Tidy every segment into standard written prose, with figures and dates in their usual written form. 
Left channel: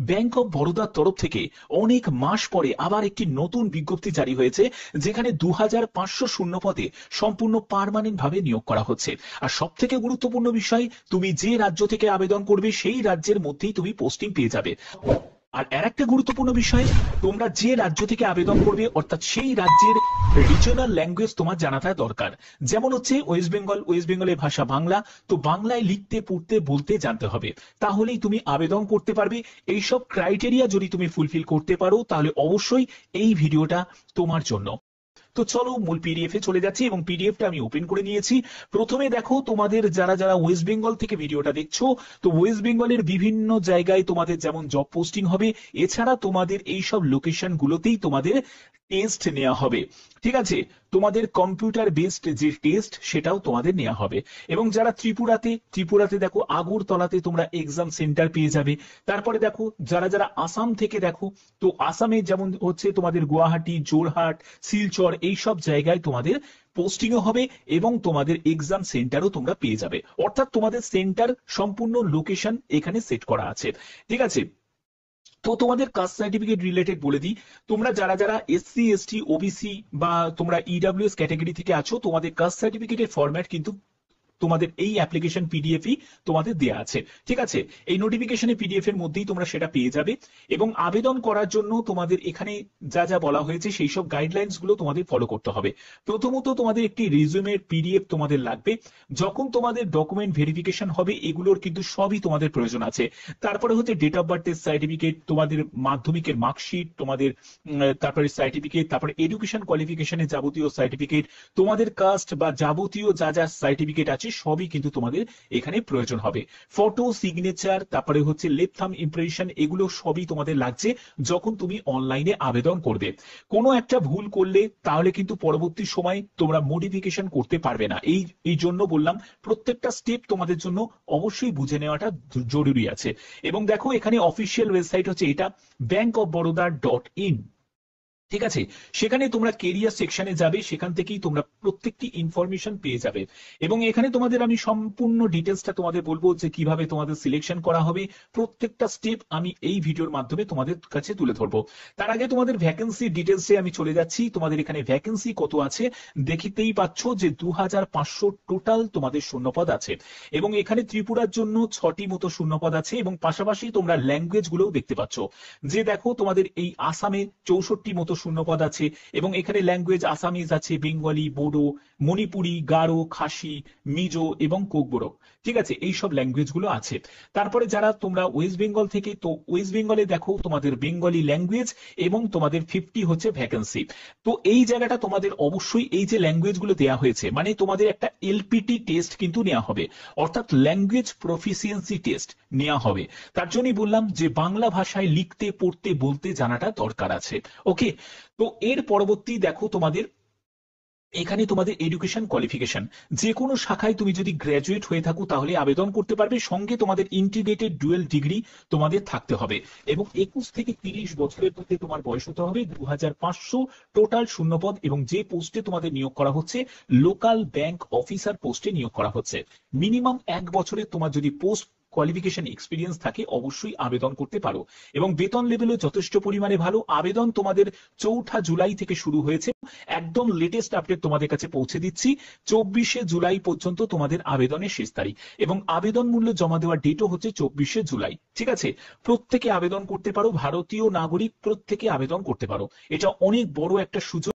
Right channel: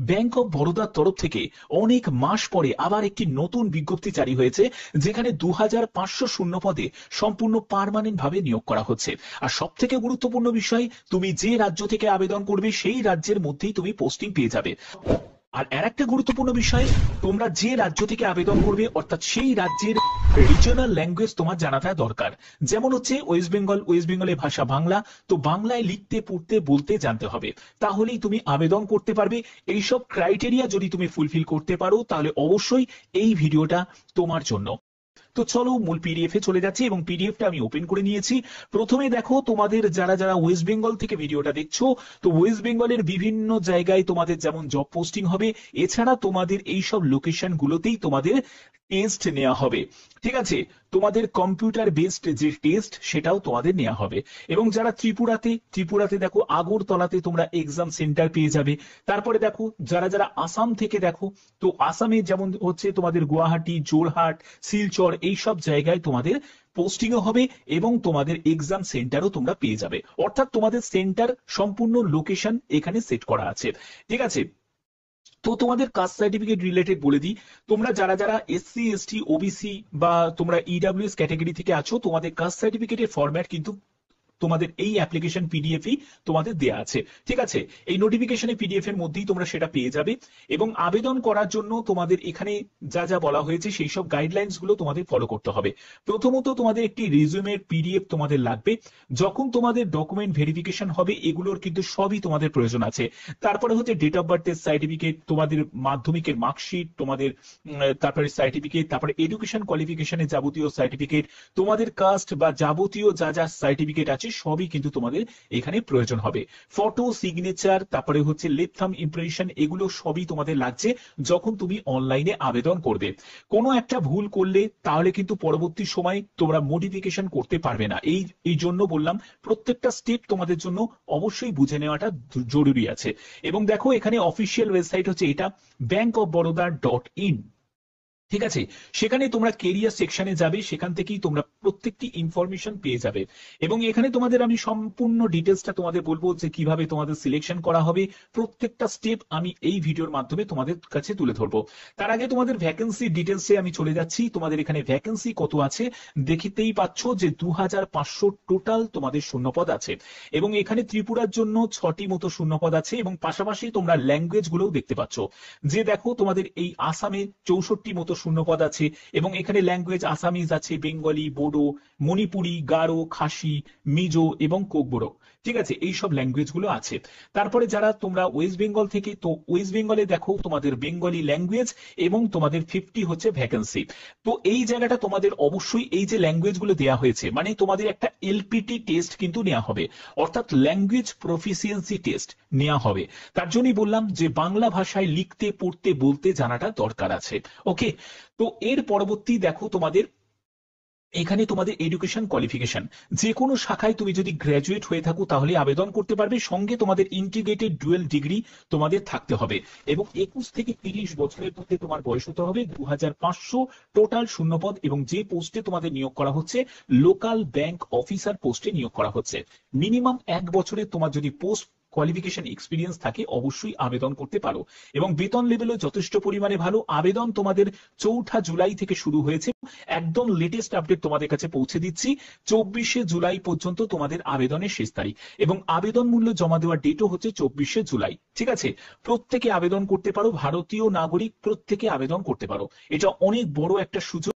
Bank of বরোদার তরফ থেকে অনেক মাস পরে আবার একটি নতুন বিজ্ঞপ্তি জারি হয়েছে, যেখানে 2500 শূন্য পদে সম্পূর্ণ পার্মানেন্ট ভাবে নিয়োগ করা হচ্ছে। আর সব থেকে গুরুত্বপূর্ণ বিষয়, তুমি যে রাজ্য থেকে আবেদন করবে সেই রাজ্যের মধ্যেই তুমি পোস্টিং পেয়ে যাবে। আর একটা গুরুত্বপূর্ণ বিষয়, তোমরা যে রাজ্য থেকে আবেদন করবে অর্থাৎ সেই রাজ্যের রিজনাল ল্যাঙ্গুয়েজ তোমার জানাটা দরকার। যেমন হচ্ছে ওয়েস্ট বেঙ্গল, ওয়েস্ট বেঙ্গলের ভাষা বাংলা, তো বাংলায় লিখতে পড়তে বলতে জানতে হবে, তাহলেই তুমি আবেদন করতে পারবে। এইসব ক্রাইটেরিয়া যদি তুমি ফুলফিল করতে পারো তাহলে অবশ্যই এই ভিডিওটা তোমার জন্য। তো চলো মূল পিডিএফ এ চলে যাচ্ছি এবং পিডিএফটা আমি ওপেন করে নিয়েছি। প্রথমে দেখো, তোমাদের যারা যারা ওয়েস্ট বেঙ্গল থেকে ভিডিওটা দেখছো, তো ওয়েস্ট বেঙ্গলের বিভিন্ন জায়গায় তোমাদের যেমন জব পোস্টিং হবে, এছাড়া তোমাদের এই সব লোকেশন গুলোতেই তোমাদের টেস্ট নেওয়া হবে। ঠিক আছে, তোমাদের কম্পিউটার বেসড যে টেস্ট সেটাও তোমাদের নেওয়া হবে। এবং যারা ত্রিপুরাতে দেখো আগরতলাতে তোমরা এক্সাম সেন্টার পেয়ে যাবে। তারপরে দেখো যারা যারা আসাম থেকে দেখো, তো আসামে যেমন হচ্ছে তোমাদের গুয়াহাটি, জোরহাট, শিলচর এইসব জায়গায় তোমাদের পোস্টিংও হবে এবং তোমাদের এক্সাম সেন্টারও তোমরা পেয়ে যাবে। অর্থাৎ তোমাদের সেন্টার সম্পূর্ণ লোকেশন এখানে সেট করা আছে। ঠিক আছে, তো তোমাদের কাস্ট সার্টিফিকেট রিলেটেড বলে দিই। তোমরা যারা যারা এসসি এসটি ওবিসি বা তোমরা ইডাব্লিউএস ক্যাটাগরি থেকে আছো, তোমাদের কাস্ট সার্টিফিকেটের ফরম্যাট কিন্তু তোমাদের এই অ্যাপ্লিকেশন পিডিএফই তোমাদের দেয়া আছে। ঠিক আছে, এই নোটিফিকেশনে পিডিএফ এর মধ্যেই তোমরা সেটা পেয়ে যাবে। এবং আবেদন করার জন্য তোমাদের এখানে যা যা বলা হয়েছে সেই সব গাইডলাইন্স গুলো তোমাদের ফলো করতে হবে। প্রথমত তোমাদের একটি রিজিউমের পিডিএফ তোমাদের লাগবে। যখন তোমাদের ডকুমেন্ট ভেরিফিকেশন হবে এগুলোর কিন্তু সবই তোমাদের প্রয়োজন আছে। তারপরে হচ্ছে ডেট অফ বার্থের সার্টিফিকেট, তোমাদের মাধ্যমিকের মার্কশিট, তোমাদের তারপরে সার্টিফিকেট, তারপরে এডুকেশন কোয়ালিফিকেশনের যাবতীয় সার্টিফিকেট, তোমাদের কাস্ট বা যাবতীয় যা যা সার্টিফিকেট আছে সবই কিন্তু তোমাদের এখানে প্রয়োজন হবে। ফটো, সিগনেচার, তারপরে হচ্ছে লেফট থাম্ব ইমপ্রেশন, এগুলো সবই তোমাদের লাগছে যখন তুমি অনলাইনে আবেদন করবে। কোনো একটা ভুল করলে তাহলে কিন্তু পরবর্তী সময় তোমরা মডিফিকেশন করতে পারবে না। এই জন্য বললাম প্রত্যেকটা স্টেপ তোমাদের জন্য অবশ্যই বুঝে নেওয়াটা জরুরি আছে। এবং দেখো এখানে অফিসিয়াল ওয়েবসাইট হচ্ছে এটা bankofbaroda.in। ঠিক আছে, সেখানে তোমরা কেরিয়ার সেকশনে যাবে, সেখান থেকেই তোমরা প্রত্যেকটি ইনফরমেশন পেয়ে যাবে। এবং এখানে তোমাদের আমি সম্পূর্ণ ডিটেলসটা তোমাদের বলবো যে কিভাবে তোমাদের সিলেকশন করা হবে, প্রত্যেকটা স্টেপ আমি এই ভিডিওর মাধ্যমে তোমাদের কাছে তুলে ধরবো। তার আগে তোমাদের ভ্যাকেন্সি ডিটেলসে আমি চলে যাচ্ছি। তোমাদের এখানে ভ্যাকেন্সি কত আছে দেখতেই পাচ্ছ যে 2500 টোটাল তোমাদের শূন্যপদ আছে। এবং এখানে ত্রিপুরার জন্য 6টি মতো শূন্যপদ আছে এবং পাশাপাশি তোমরা ল্যাঙ্গুয়েজ গুলোও দেখতে পাচ্ছ। যে দেখো তোমাদের এই আসামে 64 মতো শূন্যপদ আছে এবং এখানে ল্যাঙ্গুয়েজ আসামিজ আছে, বেঙ্গলি, বোডো, মণিপুরি, গারো, খাসি, মিজো এবং কোকবরক। ঠিক আছে, এই সব ল্যাঙ্গুয়েজ গুলো আছে। তারপরে যারা তোমরা ওয়েস্ট বেঙ্গল থেকে, তো ওয়েস্ট বেঙ্গলে দেখো তোমাদের বেঙ্গলি ল্যাঙ্গুয়েজ এবং তোমাদের 50 হচ্ছে ভ্যাকেন্সি। তো এই জায়গাটা তোমাদের অবশ্যই এই যে ল্যাঙ্গুয়েজ গুলো দেওয়া হয়েছে, মানে তোমাদের একটা এলপিটি টেস্ট কিন্তু নেওয়া হবে, অর্থাৎ ল্যাঙ্গুয়েজ প্রফিসিয়েন্সি টেস্ট নেওয়া হবে। তার জন্যই বললাম যে বাংলা ভাষায় লিখতে পড়তে বলতে জানাটা দরকার আছে। ওকে, তো এর পরবর্তী দেখো তোমাদের এখানে তোমাদের এডুকেশন কোয়ালিফিকেশন, যে কোনো শাখায় তুমি যদি গ্র্যাজুয়েট হয়ে থাকো তাহলে আবেদন করতে পারবে। সঙ্গে তোমাদের ইন্টিগ্রেটেড ডুয়েল ডিগ্রি তোমাদের থাকতে হবে এবং 21 থেকে 30 বছরের মধ্যে তোমার বয়স হতে হবে। 2500 টোটাল শূন্যপদ এবং যে পোস্টে তোমাদের নিয়োগ করা হচ্ছে লোকাল ব্যাংক অফিসার পোস্টে নিয়োগ করা হচ্ছে। মিনিমাম 1 বছরের তোমার যদি পোস্ট কোয়ালিফিকেশন এক্সপিরিয়েন্স থাকে অবশ্যই আবেদন করতে পারো। এবং বেতন লেভেলও যথেষ্ট পরিমাণে ভালো। আবেদন তোমাদের 4 জুলাই থেকে শুরু হয়েছে। একদম লেটেস্ট আপডেট তোমাদের কাছে পৌঁছে দিচ্ছি। 24 জুলাই পর্যন্ত তোমাদের আবেদনের শেষ তারিখ এবং আবেদন মূল্য জমা দেওয়ার ডেটও হচ্ছে 24 জুলাই। ঠিক আছে, প্রত্যেকে আবেদন করতে পারো, ভারতীয় নাগরিক প্রত্যেকে আবেদন করতে পারো। এটা অনেক বড় একটা সুযোগ।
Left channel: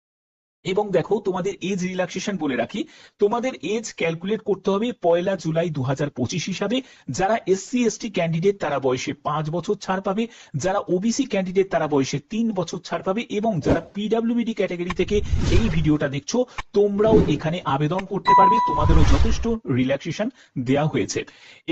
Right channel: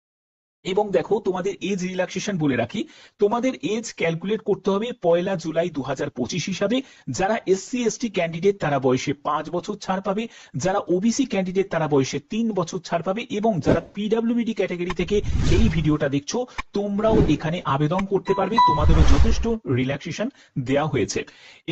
এবং দেখো তোমাদের এজ রিল্যাক্সেশন বলে রাখি, তোমাদের এজ ক্যালকুলেট করতে হবে 1 জুলাই 2025 হিসাবে। যারা এসসি এসটি ক্যান্ডিডেট তারা বয়সে 5 বছর ছাড় পাবে, যারা ওবিসি ক্যান্ডিডেট তারা বয়সে 3 বছর ছাড় পাবে এবং যারা পিডব্লিউডি ক্যাটাগরি থেকে এই ভিডিওটা দেখছো তোমরাও এখানে আবেদন করতে পারবে, তোমাদেরও যথেষ্ট রিল্যাক্সেশন দেওয়া হয়েছে।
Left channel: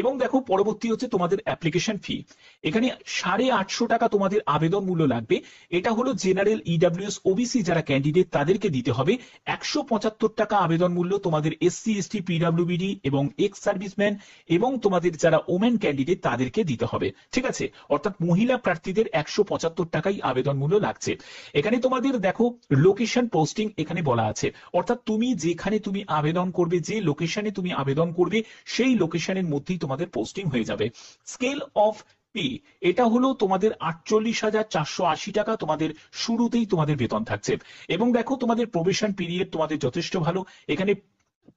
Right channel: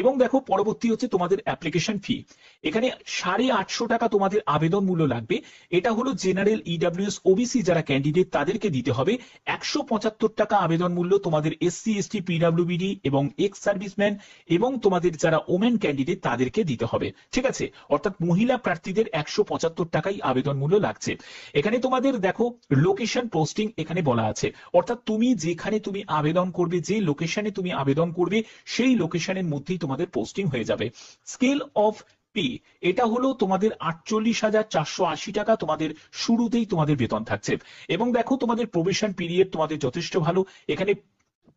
এবং দেখো পরবর্তী হচ্ছে তোমাদের অ্যাপ্লিকেশন ফি। এখানে 850 টাকা তোমাদের আবেদন মূল্য লাগবে। এটা হলো জেনারেল, ইডব্লিউএস, ওবিসি যারা ক্যান্ডিডেট তাদেরকে দিতে হবে। 175 টাকা আবেদন মূল্য তোমাদের এসসি এসটি পিডব্লিউবিডি এবং এক্স সার্ভিসম্যান এবং তোমাদের যারা ওমেন ক্যান্ডিডেট তাদেরকে দিতে হবে। ঠিক আছে, অর্থাৎ মহিলা প্রার্থীদের 175 টাকাই আবেদন মূল্য লাগছে। এখানে তোমাদের দেখো লোকেশন পোস্টিং এখানে বলা আছে, অর্থাৎ তুমি যেখানে তুমি আবেদন করবে, যে লোকেশনে তুমি আবেদন করবে সেই লোকেশনের মধ্যেই তোমাদের পোস্টিং হয়ে যাবে। স্কেল অফ পি, এটা হলো তোমাদের 48,480 টাকা তোমাদের শুরুতেই তোমাদের বেতন থাকছে। এবং দেখো তোমাদের প্রবেশন পিরিয়ড তোমাদের যথেষ্ট ভালো। এখানে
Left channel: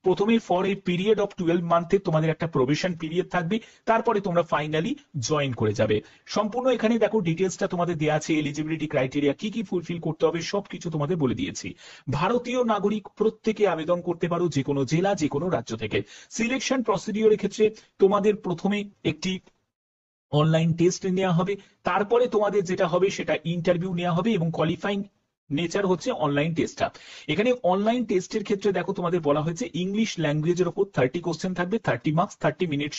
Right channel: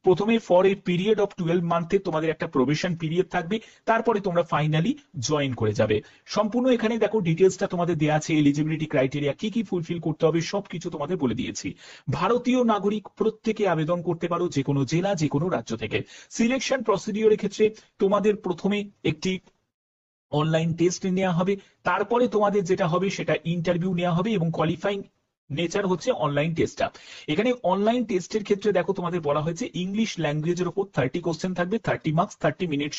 প্রথমে ফর এ পিরিয়ড অফ 12 মান্থে তোমাদের একটা প্রবেশন পিরিয়ড থাকবে, তারপরে তোমরা ফাইনালি জয়েন করে যাবে। সম্পূর্ণ এখানে দেখো ডিটেলসটা তোমাদের দেওয়া আছে, এলিজিবিলিটি ক্রাইটেরিয়া কি কি ফুলফিল করতে হবে সবকিছু তোমাদের বলে দিয়েছি। ভারতীয় নাগরিক প্রত্যেকে আবেদন করতে পারো, যে কোনো জেলা যে কোনো রাজ্য থেকে। সিলেকশন প্রসিডিওরের ক্ষেত্রে তোমাদের প্রথমে একটি অনলাইন টেস্ট নেওয়া হবে, তারপরে তোমাদের যেটা হবে সেটা ইন্টারভিউ নেওয়া হবে, এবং কোয়ালিফাইং নেচার হচ্ছে অনলাইন টেস্টটা। এখানে অনলাইন টেস্টের ক্ষেত্রে দেখো তোমাদের বলা হয়েছে ইংলিশ ল্যাঙ্গুয়েজের উপর 30 কোশ্চেন থাকবে, 30 মার্কস, 30 মিনিট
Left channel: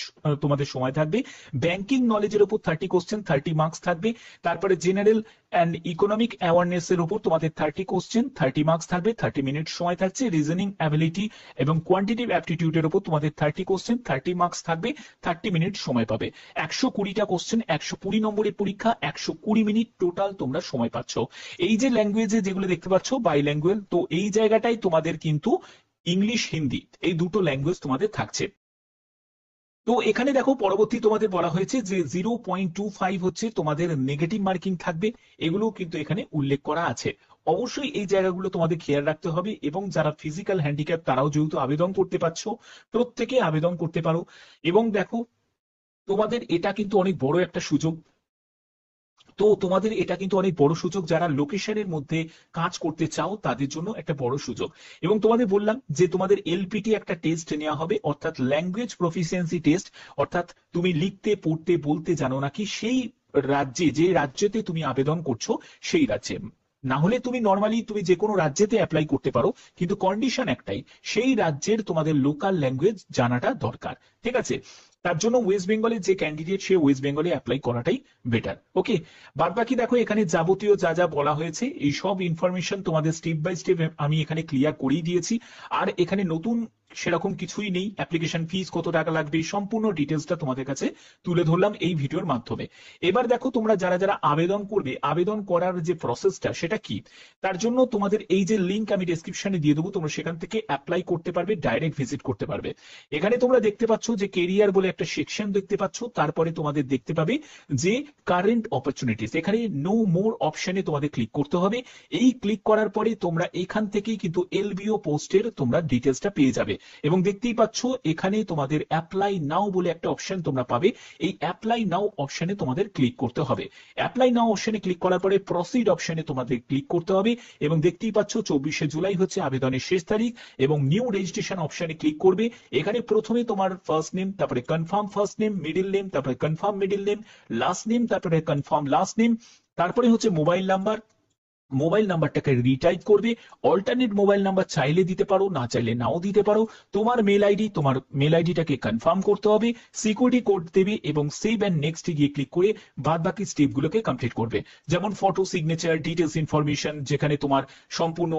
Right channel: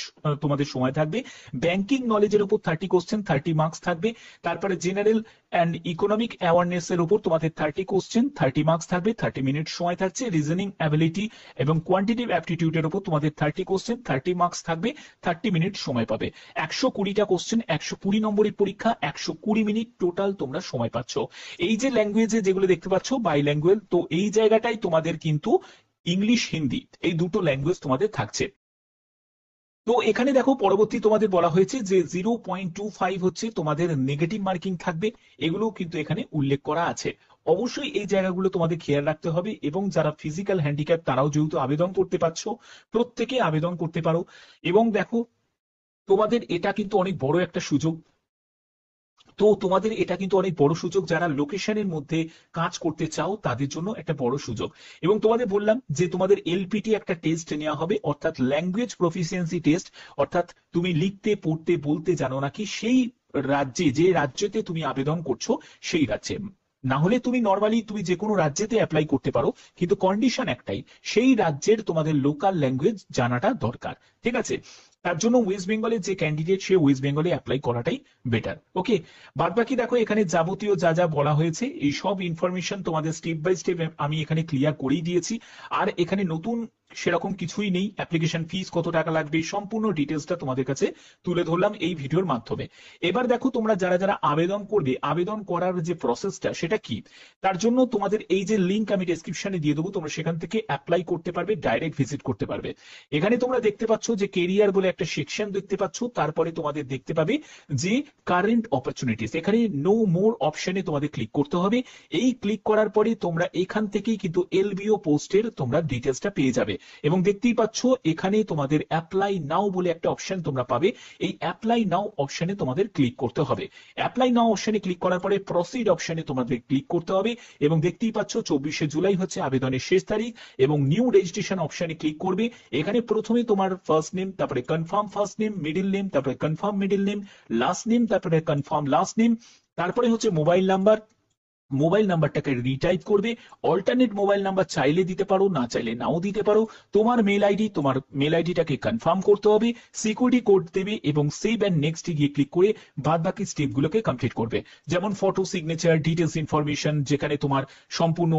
তোমাদের সময় থাকবে। ব্যাংকিং নলেজের উপর 30 কোশ্চেন, 30 মার্কস থাকবে। তারপরে জেনারেল অ্যান্ড ইকোনমিক অ্যাওয়ারনেস এর উপর তোমাদের 30 কোশ্চেন, 30 মার্কস থাকবে, 30 মিনিট সময় থাকছে। রিজনিং অ্যাবিলিটি এবং কোয়ান্টিটিভ অ্যাপটিটিউডের উপর তোমাদের 30 কোশ্চেন, 30 মার্কস থাকবে, 30 মিনিট সময় পাবে। 120টা কোশ্চেন, 120 নম্বরের পরীক্ষা, 120 মিনিট টোটাল তোমরা সময় পাচ্ছ। এই যে ল্যাঙ্গুয়েজে যেগুলো দেখতে পাচ্ছ বাই ল্যাঙ্গুয়েজ, তো এই জায়গাটাই তোমাদের কিন্তু ইংলিশ হিন্দি এই দুটো ল্যাঙ্গুয়েজ তোমাদের থাকছে। তো এখানে দেখো পরবর্তী তোমাদের বলা হয়েছে যে 0.25 হচ্ছে তোমাদের নেগেটিভ মার্কিং থাকবে, এগুলো কিন্তু এখানে উল্লেখ করা আছে। অবশ্যই এই জায়গাগুলো তোমাদের খেয়াল রাখতে হবে। এবং যারা ফিজিক্যাল হ্যান্ডিক্যাপ তারাও যেহেতু আবেদন করতে পারছো, প্রত্যেকে আবেদন করতে পারো। এবং দেখো তোমাদের এটা কিন্তু অনেক বড় একটা সুযোগ। তো তোমাদের এটা কিন্তু অনেক বড় সুযোগ, যারা লোকেশনের মধ্যে কাজ করতে চাও তাদের জন্য একটা বড় সুযোগ। এবং তোমাদের বললাম যে তোমাদের এলপিটি একটা টেস্ট নেওয়া হবে, অর্থাৎ ল্যাঙ্গুয়েজ প্রফিসিয়েন্সি টেস্ট। অর্থাৎ তুমি লিখতে পড়তে বলতে জানো নাকি সেই রাজ্যে, যে রাজ্যেতে তুমি আবেদন করছো সেই রাজ্যে। না হলে তুমি নর্মালি তুমি যে কোনো রাজ্যেতে অ্যাপ্লাই করতে পারো, কিন্তু কন্ডিশন একটাই, সেই রাজ্যের তোমাদের লোকাল ল্যাঙ্গুয়েজ জানাটা দরকার। ঠিক আছে? তার জন্য ওয়েস্ট বেঙ্গলের যে ক্যান্ডিডেট সে ওয়েস্ট বেঙ্গলে অ্যাপ্লাই করাটাই বেটার। ওকে, বাদ বাকি দেখো এখানে যাবতীয় যা যা বলা হয়েছে এই সব ইনফরমেশন তোমাদের স্টেপ বাই স্টেপ আমি এখানে ক্লিয়ার করেই দিয়েছি। আর এখানে নতুন সেরকম কিছুই নেই। অ্যাপ্লিকেশন ফিস কত টাকা লাগবে সম্পূর্ণ ডিটেলসটা তোমাদের কাছে তুলে ধরলাম এই ভিডিওর মাধ্যমে। এবার দেখো তোমরা যারা যারা আবেদন করবে, আবেদন করার যে প্রসেসটা সেটা কি, তার জন্য তোমাদের এই যে লিঙ্ক আমি ডেসক্রিপশনে দিয়ে দেবো, তোমরা সেখান থেকে অ্যাপ্লাই করতে পারবে, ডাইরেক্ট ভিজিট করতে পারবে। এখানে তোমরা দেখতে পাচ্ছ যে কেরিয়ার বলে একটা সেকশন দেখতে পাচ্ছ, তারপরে তোমাদের দেখতে পাবে যে কারেন্ট অপরচুনিটিস, এখানে নো মোর অপশনে তোমাদের ক্লিক করতে হবে। এই ক্লিক করার পরে তোমরা এখান থেকেই কিন্তু এলবিও পোস্টের তোমরা ডিটেলসটা পেয়ে যাবে। এবং দেখতেই পাচ্ছ এখানে তোমাদের অ্যাপ্লাই নাও বলে একটা অপশন তোমরা পাবে। এই অ্যাপ্লাই নাও অপশনে তোমাদের ক্লিক করতে হবে। অ্যাপ্লাই নাও অপশনে ক্লিক করার পরে প্রসিড অপশনে তোমাদের ক্লিক করতে হবে। এবং দেখতেই পাচ্ছ 24শে জুলাই হচ্ছে আবেদনের শেষ তারিখ। এবং নিউ রেজিস্ট্রেশন অপশনে ক্লিক করবে। এখানে প্রথমে তোমার ফার্স্ট নেম, তারপরে confirm first name, middle name, তারপরে confirm middle name, last name, তারপরে কনফার্ম লাস্ট নেম, তারপরে হচ্ছে মোবাইল নাম্বার, মোবাইল নাম্বারটাকে রিটাইপ করবে। অল্টারনেট মোবাইল নাম্বার চাইলে দিতে পারো, না চাইলে নাও দিতে পারো। তোমার মেল আইডি, তোমার মেল আইডিটাকে কনফার্ম করতে হবে, সিকিউরিটি কোড দেবে এবং সেভ অ্যান্ড নেক্সট গিয়ে ক্লিক করে বাদ বাকি স্টেপগুলোকে কমপ্লিট করবে। যেমন ফটো, সিগনেচার, ডিটেলস ইনফরমেশন, যেখানে তোমার সম্পূর্ণ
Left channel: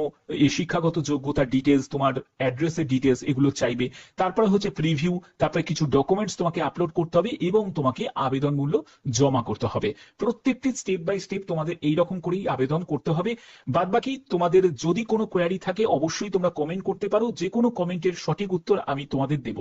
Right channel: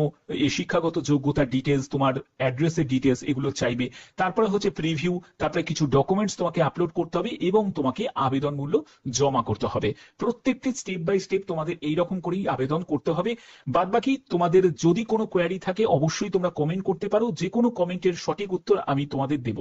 শিক্ষাগত যোগ্যতার ডিটেলস, তোমার অ্যাড্রেসের ডিটেলস এগুলো চাইবে। তারপরে হচ্ছে প্রিভিউ, তারপরে কিছু ডকুমেন্টস তোমাকে আপলোড করতে হবে এবং তোমাকে আবেদন মূল্য জমা করতে হবে। প্রত্যেকটি স্টেপ বাই স্টেপ তোমাদের এইরকম করেই আবেদন করতে হবে। বাদ বাকি তোমাদের যদি কোনো কোয়ারি থাকে অবশ্যই তোমরা কমেন্ট করতে পারো, যে কোনো কমেন্টের সঠিক উত্তর আমি তোমাদের দেব।